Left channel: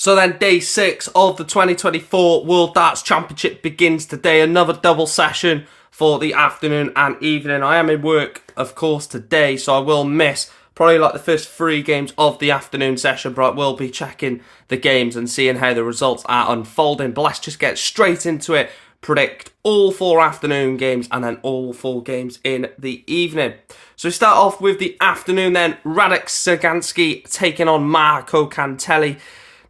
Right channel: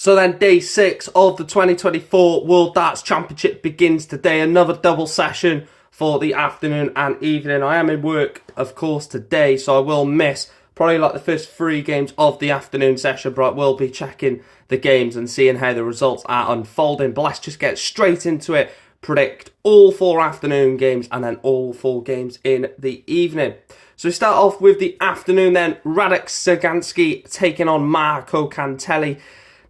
So then day 6 of the 2024 World Darts Championship begins today. Another double session for the afternoon and evening. I am in work, of course, today, so I will miss probably like the first 3 games of the afternoon session, but I will be checking the games and seeing how the results are unfolding. But let's just get straight into it. Predict all 4 afternoon games and then all 4 games in the evening. So we start off with the afternoon then. Radek Sagansky taking on Marco Cantelli.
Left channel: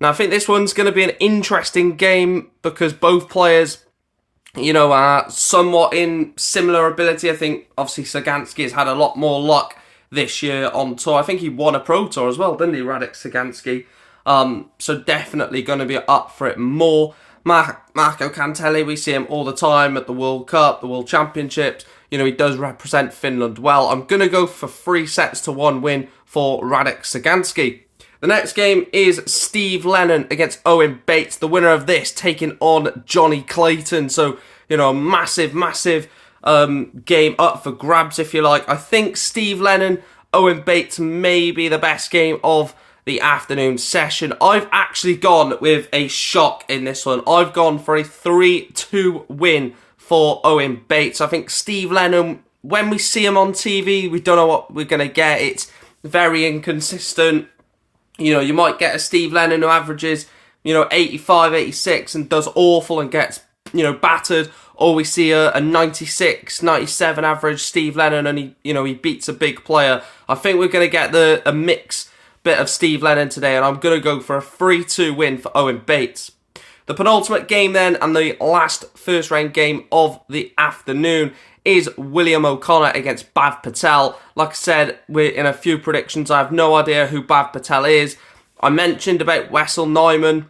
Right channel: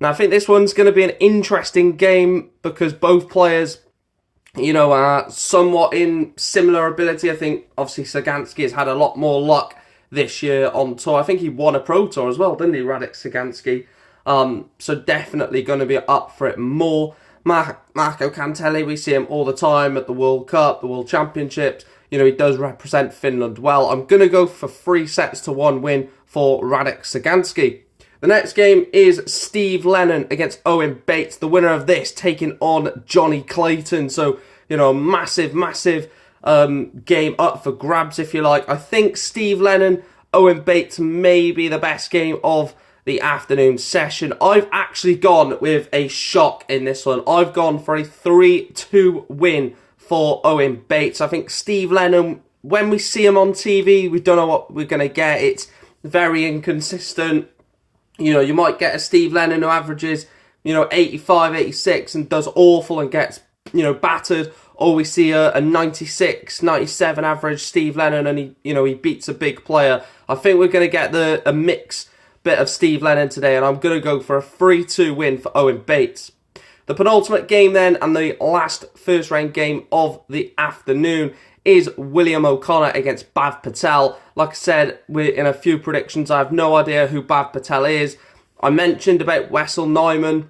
Now, I think this one's going to be an interesting game because both players, are somewhat in similar ability. I think, obviously, Sagansky has had a lot more luck this year on tour. I think he won a Pro Tour as well, didn't he, Radek Sagansky? So definitely going to be up for it more. Marco Cantelli, we see him all the time at the World Cup, the World Championships. He does represent Finland well. I'm going to go for 3-1 win for Radek Sagansky. The next game is Steve Lennon against Owen Bates. The winner of this taking on Johnny Clayton. So, a massive game up for grabs, if you like. I think Steve Lennon, Owen Bates may be the best game of the afternoon session. I've actually gone with a shock in this one. I've gone for a 3-2 win for Owen Bates. I think Steve Lennon, when we see him on TV, we don't know what we're going to get. It's very inconsistent. You might get a Steve Lennon who averages, 85, 86 and does awful and gets, battered. Or we see a 96, 97 average Steve Lennon and he beats a big player. I think we're going to get a mix bit of Steve Lennon today, and I'm going to go for a 3-2 win for Owen Bates. The penultimate game then, and the last first round game of the afternoon, is William O'Connor against Bhav Patel. Like I said, we're in a few predictions. I have no idea who Bhav Patel is. I mentioned about Wessel Nyman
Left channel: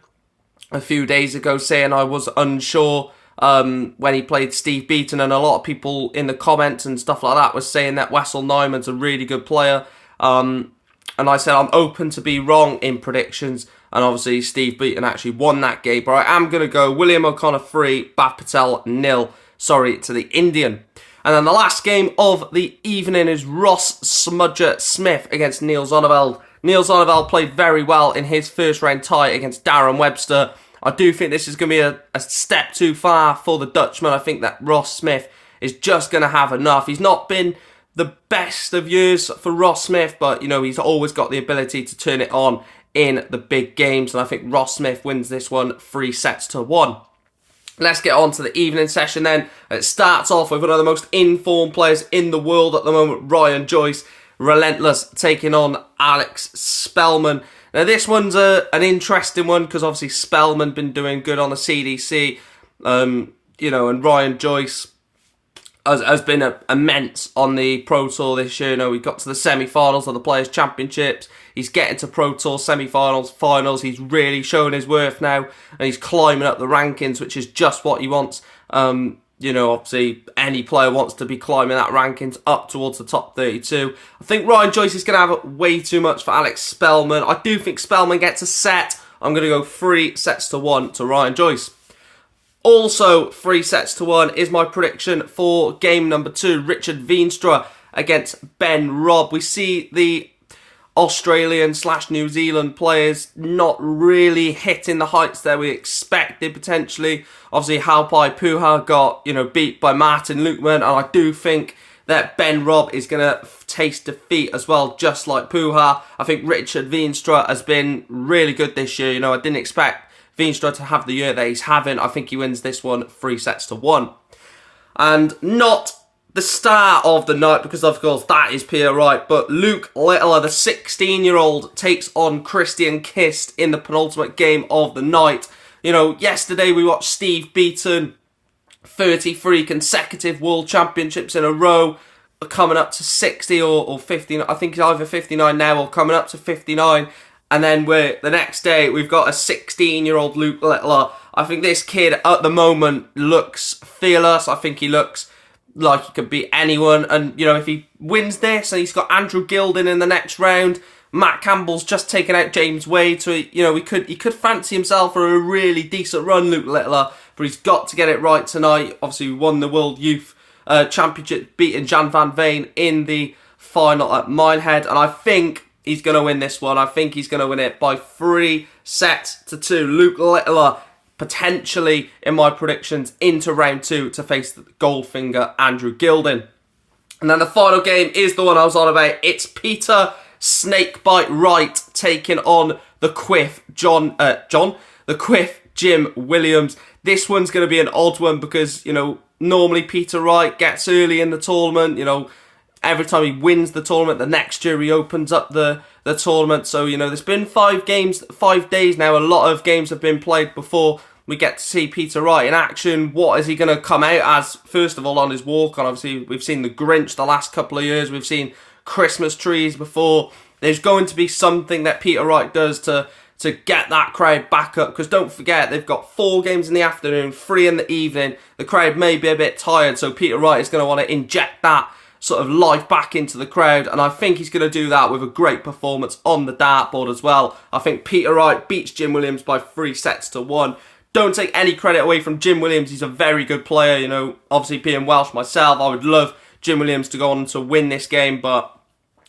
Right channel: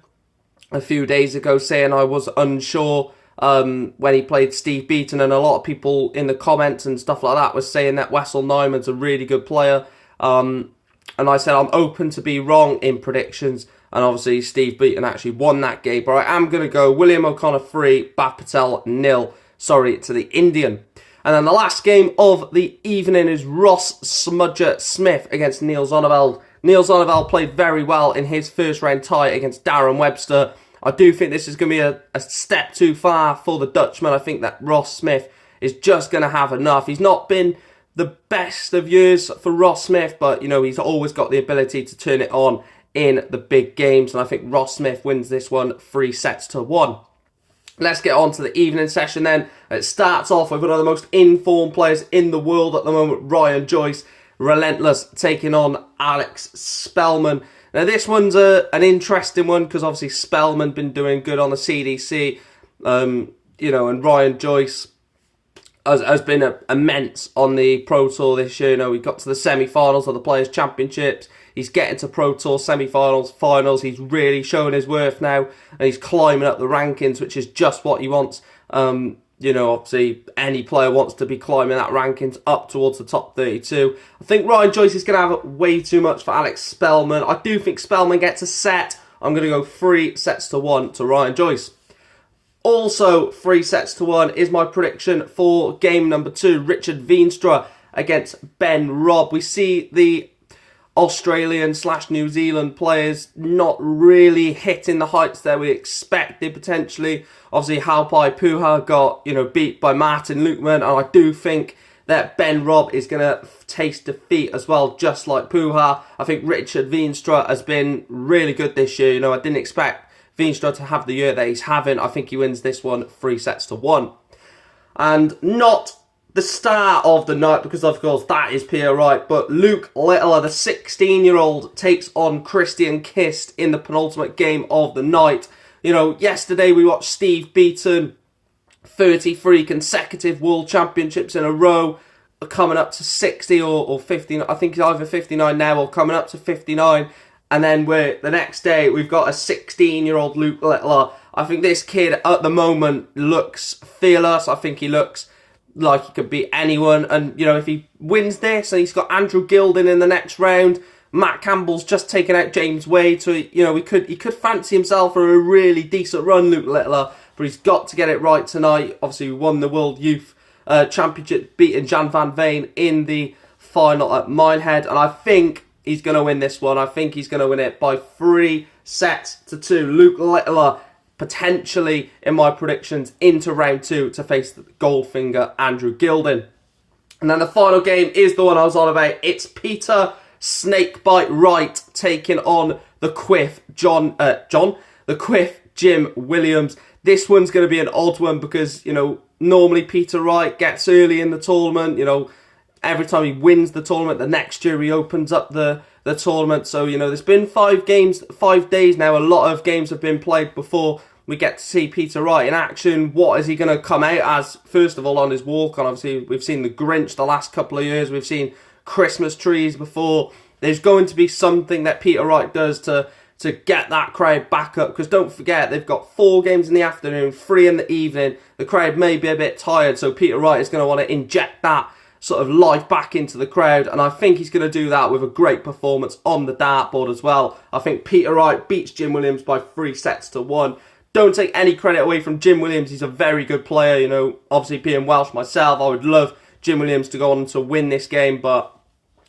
a few days ago, saying I was unsure when he played Steve Beaton, and a lot of people in the comments and stuff like that was saying that Wessel Nyman's a really good player. And I said I'm open to be wrong in predictions, and obviously Steve Beaton actually won that game. But I am going to go William O'Connor 3, Bhav Patel 0. Sorry to the Indian. And then the last game of the evening is Ross Smudger Smith against Niels Zonneveld. Niels Zonneveld played very well in his first round tie against Darren Webster. I do think this is going to be a step too far for the Dutchman. I think that Ross Smith is just going to have enough. He's not been the best of years for Ross Smith, but he's always got the ability to turn it on in the big games. And I think Ross Smith wins this one 3-1. Let's get on to the evening session then. It starts off with one of the most informed players in the world at the moment, Ryan Joyce, relentless, taking on Alex Spellman. Now this one's an interesting one because obviously Spellman been doing good on the CDC, and Ryan Joyce has been immense on the Pro Tour this year. We got to the semi-finals of the Players' Championships. He's getting to Pro Tour semi-finals, finals. He's really showing his worth now, and he's climbing up the rankings, which is just what he wants. Obviously, any player wants to be climbing that rankings up towards the top 32. I think Ryan Joyce is going to have way too much for Alex Spellman. I do think Spellman gets a set. I'm going to go 3-1 to Ryan Joyce. Also, 3-1 is my prediction for game number 2, Richard Veenstra against Ben Robb. We see the Australian/New Zealand players not really hitting the heights that we expected potentially. Obviously, Halpai Puha got beat by Martin Lukeman, and I do think that Ben Robb is going to taste defeat as well, just like Puha. I think Richard Veenstra has been really good this year. I didn't expect Veenstra to have the year that he's having. I think he wins this one 3-1. And not the star of the night, because of course that is Pierre Wright, but Luke Littler, the 16-year-old, takes on Christian Kist in the penultimate game of the night. Yesterday we watched Steve Beaton, 33 consecutive World Championships in a row, coming up to 60 or 50. I think he's either 59 now or coming up to 59. And then the next day we've got a 16-year-old Luke Littler. I think this kid at the moment looks fearless. I think he looks like he could beat anyone, and if he wins this, and he's got Andrew Gilden in the next round, Matt Campbell's just taken out James Wade, so he could fancy himself for a really decent run, Luke Littler, but he's got to get it right tonight. Obviously, he won the World Youth Championship, beating Jan van Veen in the final at Minehead, and I think he's going to win this one. I think he's going to win it by 3 3-2. Luke Littler potentially, in my predictions, into round 2 to face Goldfinger Andrew Gilding. And then the final game is the one I was on about. It's Peter Snakebite Wright taking on the Quiff Jim Williams. This one's going to be an odd one because, normally Peter Wright gets early in the tournament. Every time he wins the tournament, the next year he opens up the tournament. So, there's been 5 days now. A lot of games have been played before we get to see Peter Wright in action. What is he going to come out as, first of all, on his walk-on? Obviously, we've seen the Grinch the last couple of years. We've seen Christmas trees before. There's going to be something that Peter Wright does to get that crowd back up. Because don't forget, they've got 4 games in the afternoon, 3 in the evening. The crowd may be a bit tired, so Peter Wright is going to want to inject that sort of life back into the crowd, and I think he's going to do that with a great performance on the dartboard as well. I think Peter Wright beats Jim Williams by 3-1. Don't take any credit away from Jim Williams. He's a very good player. Obviously being Welsh myself, I would love Jim Williams to go on to win this game, but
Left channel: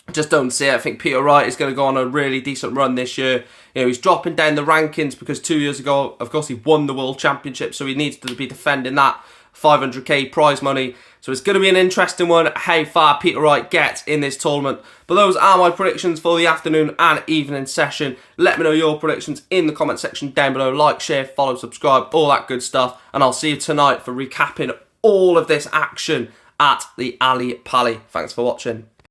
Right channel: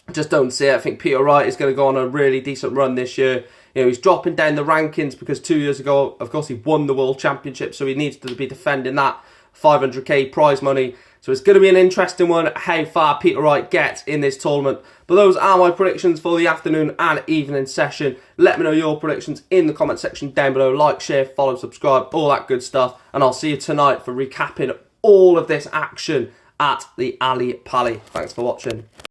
I just don't see it. I think Peter Wright is going to go on a really decent run this year. He's dropping down the rankings because 2 years ago, of course, he won the World Championship, so he needs to be defending that 500k prize money. So it's going to be an interesting one, how far Peter Wright gets in this tournament. But those are my predictions for the afternoon and evening session. Let me know your predictions in the comment section down below. Like, share, follow, subscribe, all that good stuff. And I'll see you tonight for recapping all of this action at the Ali Pali. Thanks for watching.